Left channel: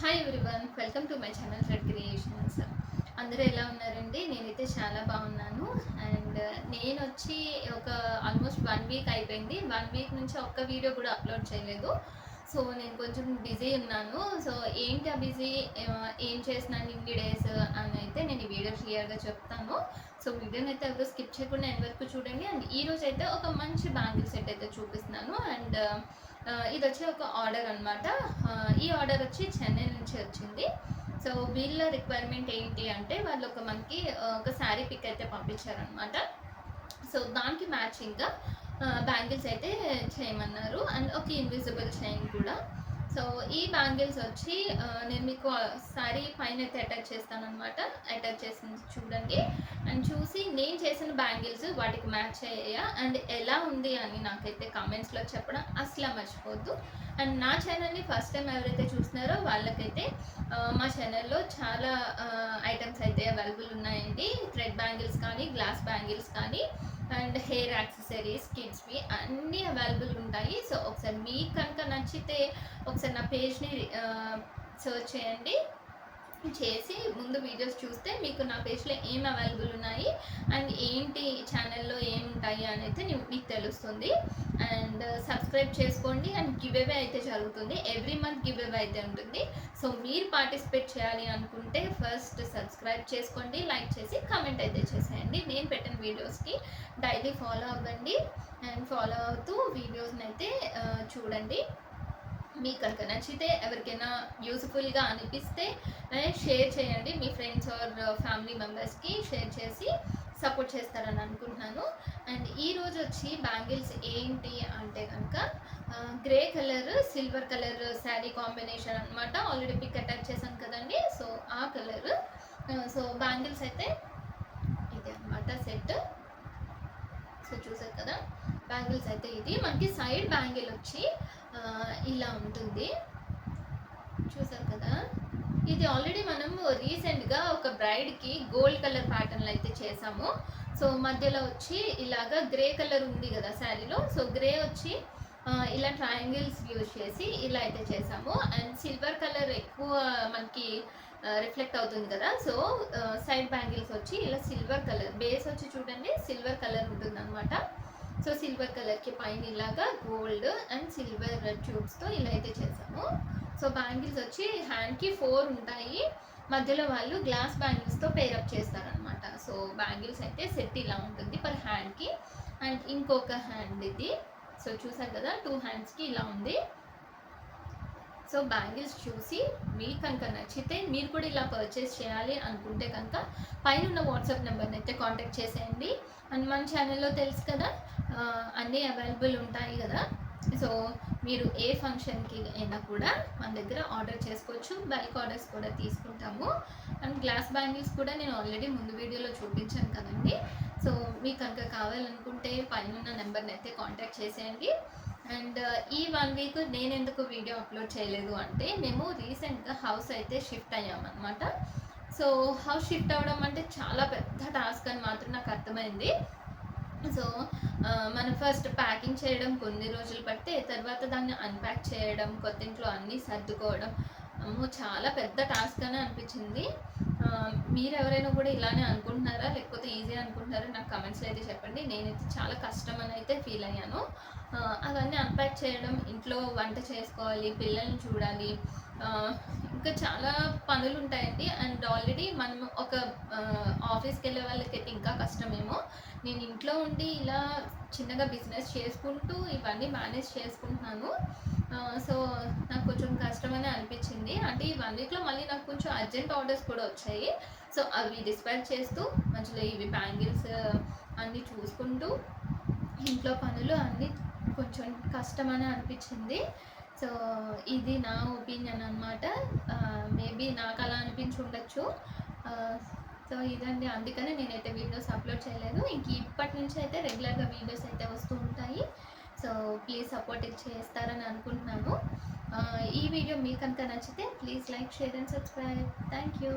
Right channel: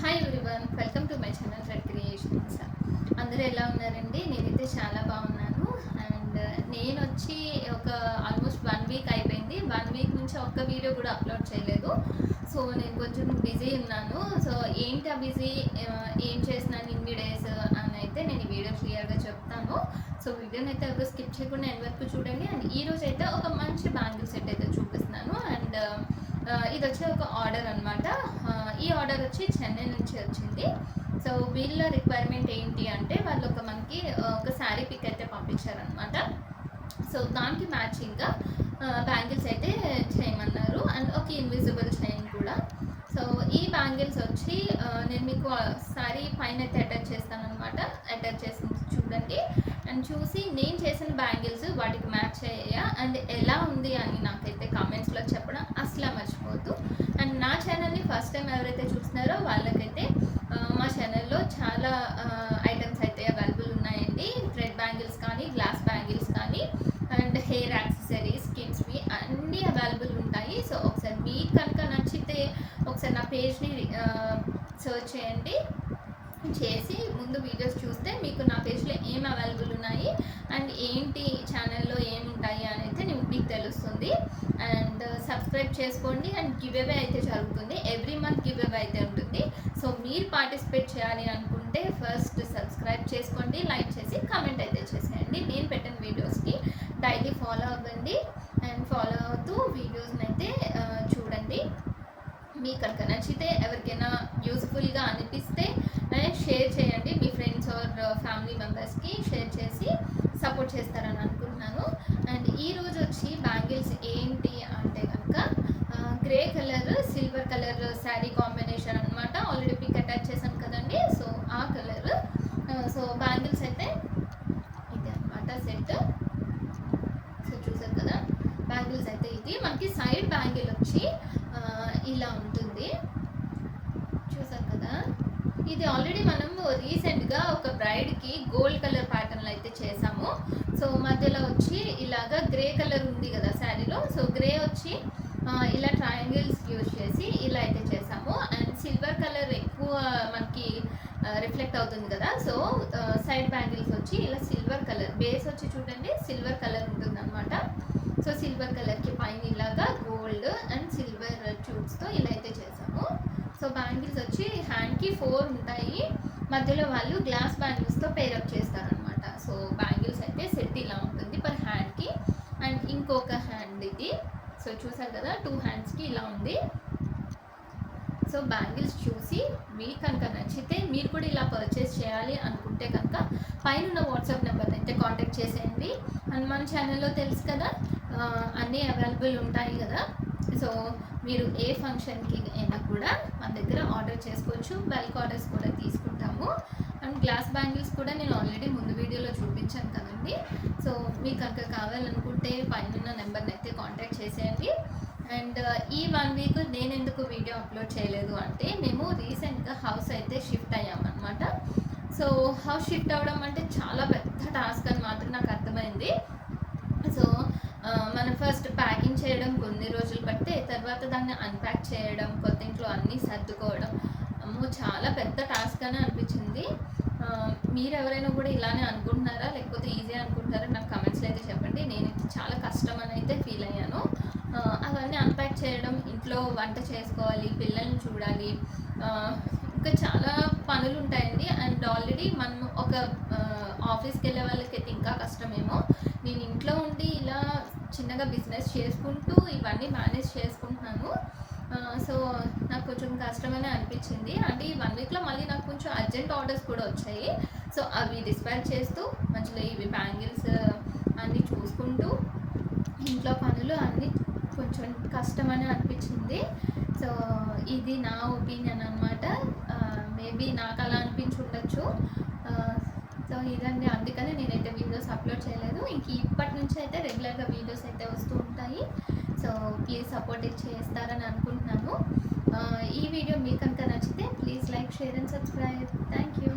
Hi everyone, welcome to my channel red creations. అందరూ ఎలా ఉన్నారండి? నేనైతే చాలా బాగున్నాను. అండ్ నేను వచ్చి ఒక ఆల్మోస్ట్ 1 వీక్ అయిపోయింది. 1 వీక్ నుంచి ఒక్క వీడియో కూడా అప్లోడ్ చేయలేదు. సో నేను కొంచెం బిజీ ఉన్నాను. సో ఏంటి ఆ బిజీ, ఏం చేసినాను ఇన్ని డేస్ అని అయితే నేను ఈ వీడియో క్లియర్గా చెప్తాను. సో వీడియోని అయితే ఎవరు స్కిప్ చేయకుండా ఎండ్ వరకు చూడండి. అండ్ ఈరోజు అయితే ఒక మంచి బ్యాంగిల్ సెట్ అయితే చూపిస్తున్నాను. అండ్ ఇది వచ్చి ఒక ఆర్డర్ అనమాట. ఈ ఆర్డర్ వచ్చి చెన్నై నుంచి వచ్చింది. సో వీళ్ళ రిక్వైర్మెంట్ ఏంటి అంటే వాళ్ళు మనకి ఒక శారీ పిక్ అయితే పంపించారనమాట. సో దానికి మ్యాచింగ్గా బ్యాంగిల్స్ అయితే చేయమన్నారు. అండ్ ఒక ఇన్విజిబుల్ చైన్ కూడా. సో ఈ బ్యాంగిల్స్ వచ్చి నేను మీకు శారీ పైన అయితే అటాచ్ చేస్తాను అనమాట. అటాచ్ చేసి చూడండి అండ్ చూసి నేను చేసిన బ్యాంగిల్స్ వాటికి మ్యాచ్ అయ్యాయా అండ్ ఎలా ఉంది అని నాకైతే కామెంట్స్లో చెప్పడం అసలు మర్చిపోద్దు. అండ్ నా ఛానల్ని ఫస్ట్ టైం ఎవరైతే చూస్తున్నారో వాళ్ళకైతే మా ఛానల్లో చాలా ఐటమ్స్ అయితే అవైలబుల్ ఉన్నాయండి. థ్రెడ్ బ్యాంగిల్స్ కానీ, గ్లాస్ బ్యాంగిల్స్ కానీ, అండ్ హెయిర్ యాక్సెసరీస్, కిడ్స్వి అన్నీ అవైలబుల్ ఉంటాయి. సో ఒకసారి మీకు కనుక నచ్చితే ఒకసారి నా పేజ్ని సర్చ్ చేయండి. చేసి ముందు వీడియోస్ చూస్తే మీకు నా పేజ్లో ఏం అవైలబుల్ ఉన్నాయి అండ్ ఏంటి ఛానల్లో ఏముంటాయి అని అయితే మీకు తెలుస్తుంది. అండ్ సబ్స్క్రైబ్ చేసుకోండి. అండ్ గివ్ అవే అయితే జరుగుతుంది. ఎవ్రీ మంత్ గివ్ అవే అయితే ఉంటుంది. సో మీరు పార్టిసిపేట్ చేయాలి అనుకుంటే ఫస్ట్ సబ్స్క్రైబ్ చేసుకోండి, లైక్ చేసి కామెంట్ అయితే చేసేయండి. నేను పెట్టిన వీడియోస్కి డైలీ ఫాలో అవ్వండి. అండ్ ఫాలో అవుతూ వీడియోస్ని అయితే చూడండి. మీకు కనుక నచ్చితే ఎవరికైనా యూజ్ఫుల్గా అనిపిస్తే షేర్ చేయండి. మీ ఫ్రెండ్స్ ఆర్ ఫ్యామిలీ మెంబర్స్కి షేర్ చేసి సపోర్ట్ చేస్తారని అనుకుంటున్నాను. అండ్ ఈరోజు వచ్చి బ్యాంగిల్స్ ఏంటి అంటే కనుక grey colour, silver colour sari combination అనమాట. ఆల్రెడీ పిక్ అటాచ్ చేశాను కదండి. సో ఆ కలర్. సో బ్యాంగిల్స్ అయితే ఇది అనమాట సెట్. సో చూసారు కదా, బ్యాంగిల్స్ అయితే ఇది మనకి సైడ్ బ్యాంగిల్ వచ్చి ఇలా ఉంటుంది. చూసారు కదా, ఇది ఆల్రెడీ మనము రీసెంట్గా ఒక బ్రైడ్కి గోల్డ్ కలర్ ప్యాటర్న్లో అయితే చేసాము. సో మధ్యలో వచ్చి ఇలాగా గ్రే కలర్ ఉంది కదా శారీలో. సో గ్రే వచ్చి ఇలా ట్రయాంగిల్స్ యూజ్ చేసి ఇలా అయితే చేసాము. అండ్ సిల్వర్ కలర్ ఎక్కువ మనకి రిఫ్లెక్ట్ అవుతుంది కదా. సో సైడ్ బ్యాంగిల్స్ వచ్చి ఇలా సిల్వర్ కలర్ బేస్ వచ్చి చూడండి, సిల్వర్ కలర్ ఉంటుంది అనమాట. సో సిల్వర్ కలర్కి పైన ఇలాగా గోల్డ్ అండ్ సిల్వర్ ట్యూబ్స్తో ఇలా అయితే చేసాము. సో బ్యాంగిల్స్ వచ్చి హ్యాండ్కి 4 ఉంటాయి. మధ్యలో వాళ్ళు గ్లాస్ బ్యాంగిల్స్తో పేరప్ చేస్తారనమాట. సో బ్యాంగిల్స్ అయితే సెట్ ఇలా ఉంటుంది పర్ హ్యాండ్కి. అండ్ ఇంకొక హ్యాండ్ ఇది. సో చూసారు కదా, 2 హ్యాండ్స్కి ఇలా ఉంది. సో బ్యాంగిల్స్ చూసి మీకు కనుక నచ్చితే మీరు కూడా ఇలా పర్చేస్ చేయాలి అనుకుంటే కనుక పైన ఉన్న వాట్సాప్ నెంబర్ని అయితే కాంటాక్ట్ చేసేయండి. అండ్ మన ఛానల్లో తెలుసు కదా, అన్నీ అవైలబుల్ ఉంటాయి కదా. సో మీరు ఏ ఫంక్షన్కి అయినా కూడా మన దగ్గర ఆర్డర్ చేసుకోవచ్చు. బల్క్ ఆర్డర్స్ కూడా తీసుకుంటాము. అండ్ గ్లాస్ బ్యాంగిల్స్ కూడా నేను ఆల్రెడీ ముందు వీడియోలో చూపించాను కదండి. సో మీకు కనుక కావాలనుకుంటే పైన నెంబర్ని అయితే కాంటాక్ట్ చేసేయండి. అండ్ ఈ 1 వీక్ నేను ఎందుకు వీడియో అప్లోడ్ చేయలేదు అంటే మేము రీసెంట్గా హౌస్ అయితే షిఫ్ట్ అయ్యామన్నమాట. సో హౌస్ షిఫ్ట్ అవ్వడం అంటే చాలా పెద్ద టాస్క్ అని మాత్రం నాకు అర్థమైంది. సో మనం ఫస్ట్ ప్యాకింగ్ చేయడం కొన్ని రోజులు పడితే తర్వాత దాన్ని అన్ప్యాక్ చేయడం, కొత్త ఇంట్లో అన్నీ సర్దుకోవడం చాలా పెద్ద టాస్క్ అని అనిపించింది. మీరు ఎవరైనా కూడా ఇలానే అనుకుంటున్నారా లేకపోతే ఈజీ అనుకుంటున్నారా నాకు కమెంట్స్లో అయితే చెప్పండి. నేనైతే చాలా కష్టం అని అయితే ఫీల్ అయ్యాను. అవన్నీ అన్ప్యాక్ చేయడం, ఇంట్లో వంట చేసుకోవాలి, పిల్లల్ని చూడాలి, ఇంకా చాలా పనులు ఉంటాయండి. అండ్ ఆల్రెడీ మనం ఒక ఆఫీస్కి వెళ్ళే వాళ్ళకైతే ఇంకా కష్టమేమో. నేను ఇంట్లో ఉండి ఇలా చిన్నగా బిజినెస్ చేసుకుంటూ ఇవన్నీ మేనేజ్ చేసుకుంటున్నాను. సో నాకు కొంచెం కష్టమనే అనిపించింది. అంటే ఈ 1 వీక్లో మళ్ళీ నాకు కొంచెం అర్జెంట్ ఆర్డర్స్ కూడా వచ్చాయి. సో అవి డిస్పాచ్ చేస్తూ మధ్యలో ఇవి బ్యాంగిల్స్ అన్నీ చూసుకుంటూ ఇంట్లో పనులు అన్నీ కొంచెం కష్టమని అనిపించింది. సో ఇది నా ఒపీనియన్ అనమాట. మేబీ నాకు అలా అనిపించి ఉండొచ్చు. సో ఇదండి, అందుకనే నేనైతే వీడియోస్ అప్లోడ్ చేయలేదు. ఇప్పటి నుంచి అయితే రెగ్యులర్గా వీడియోస్ అయితే వస్తూ ఉంటాయి. సో ప్లీజ్ సపోర్ట్ చేస్తారని అనుకుంటున్నాను. ఈ వీడియో మీకు కనుక నచ్చితే please like, share and subscribe. Thank you.